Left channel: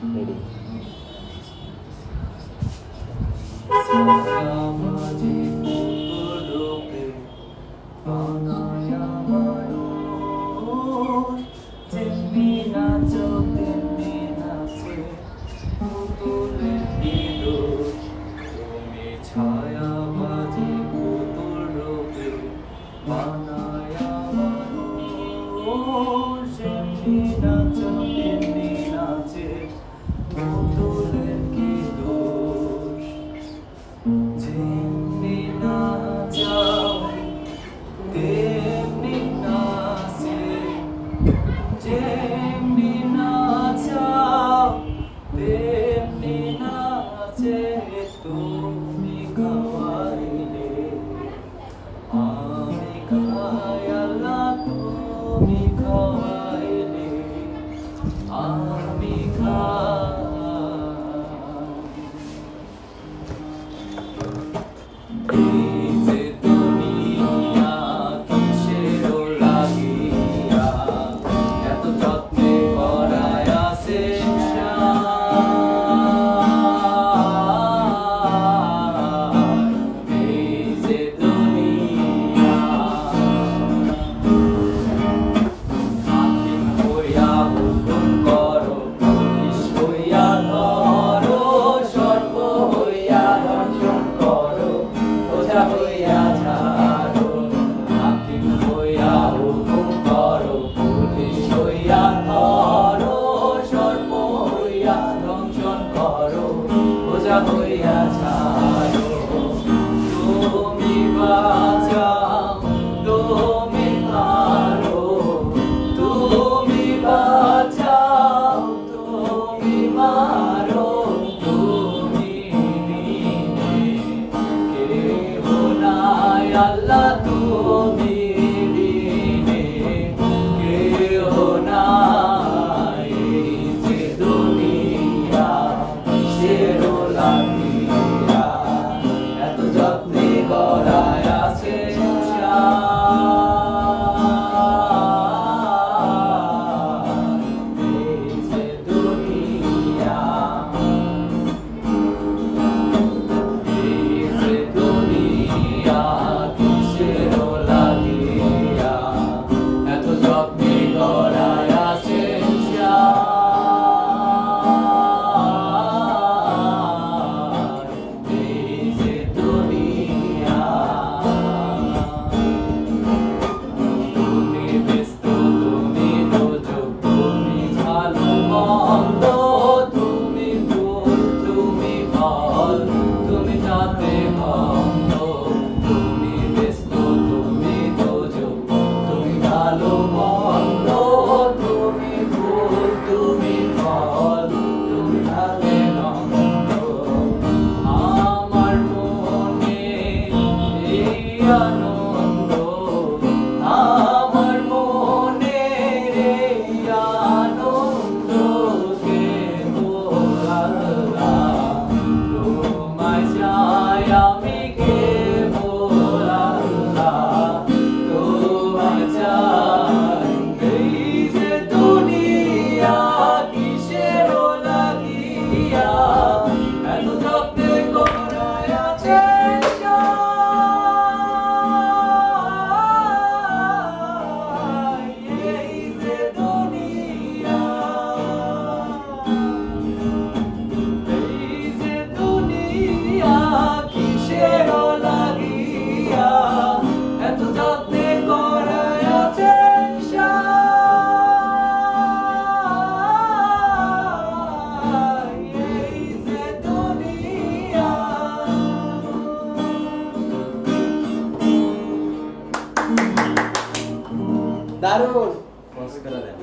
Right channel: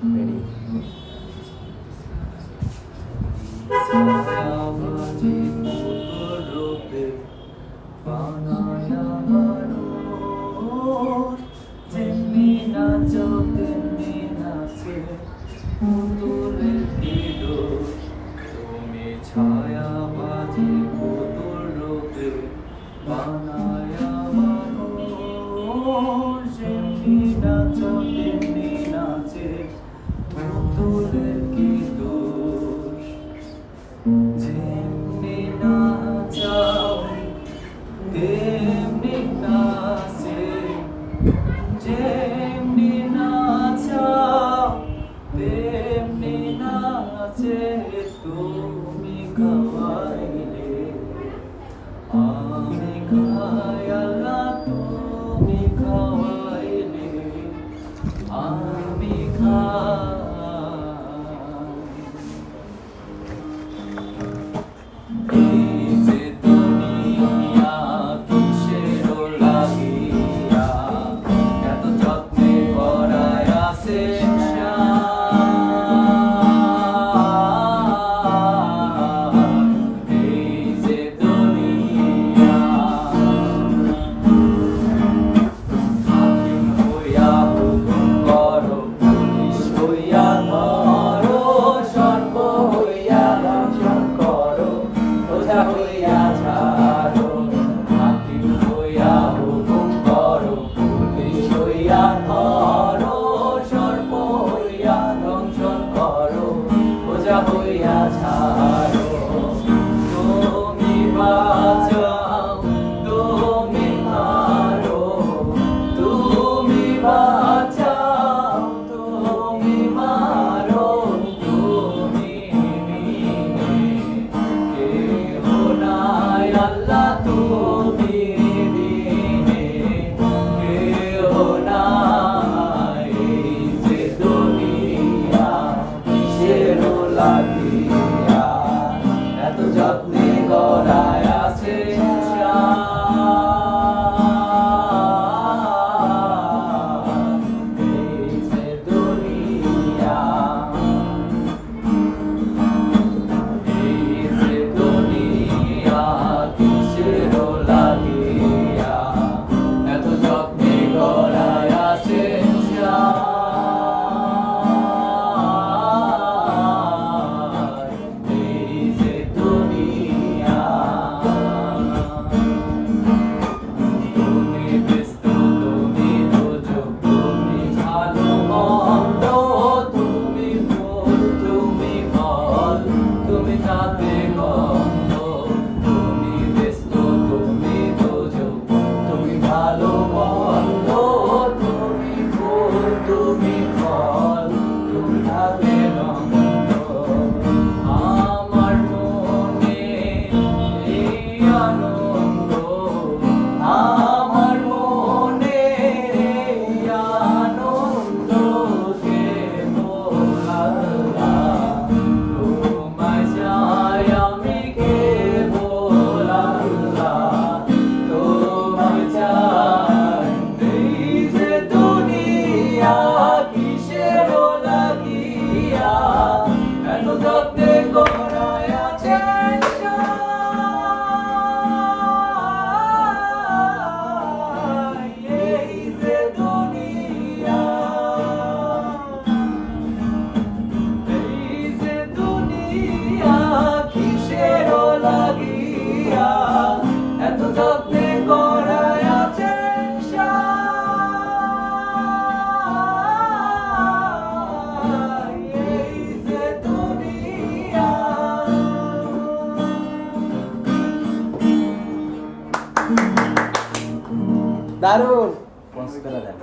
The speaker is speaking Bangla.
রেডি। ছায়াবাজি পুতুলরূপে বানায়া মানুষ, যেমনি নাচো তেমনি নাচে পুতুলের কি দোষ। তুমি ছায়াবাজি পুতুলরূপে বানায়া মানুষ, যেমনি নাচো তেমনি নাচে পুতুলের কি দোষ। যেমনি নাচাও তেমনি নাচে, যেমনি নাচাও তেমনি নাচে। তুমি খাওয়াইলে আমি খাই, আল্লাহ তুমি খাওয়াইলে আমি খাই। এই যে দুনিয়া কিসের লাগিয়া এত যত্নে করায় আছে সংসার। এই যে দুনিয়া হাকিম হইয়া হুকুম করো, পুলিশ হইয়া ধরো, সর্ব হইয়া দর্শন করো, ওঝা হইয়া ছাড়ো। হাকিম হইয়া হুকুম করো, পুলিশ হইয়া ধরো, সর্ব হইয়া দংশন করো, ওঝা হইয়া ছাড়ো। তুমি বাঁচাও, তুমি মারো, তুমি বাঁচাও, তুমি মারো, তুমি বিনে কেহ নাই, আল্লাহ তুমি বিনে কেহ নাই। এই যে দুনিয়া কিসের লাগিয়া এত যত্নে গড়ায় আছে সংসার। এই যে দুনিয়া, এই যে দুনিয়া কিসের লাগিয়া এত যত্নে গড়ায় আছে সংসার। এই যে দুনিয়া, তুমি ব্যস্ত, তুমি দুর্যোগ, তুমি ভালো মন্দ, তুমি ভুল, তুমি ফল, তুমি তাতে গন্ধ। তুমি ব্যস্ত, তুমি দুর্যোগ, তুমি ভালো মন্দ, তুমি ভুল, তুমি ফল, তুমি তাতে গন্ধ। আমার মনে এই আনন্দ, আমার মনে এই আনন্দ, কেবল আল্লাহ তোমায় চাই আমি, কেবল আল্লাহ তোমায় চাই। এই যে দুনিয়া কিসের লাগিয়া এত যত্নে করায় আছে সংসার। এই যে দুনিয়া, এই যে দুনিয়া কিসের লাগিয়া এত যত্নে করায় আছে সংসার। এই যে দুনিয়া। দারুণ পজ করে দেন।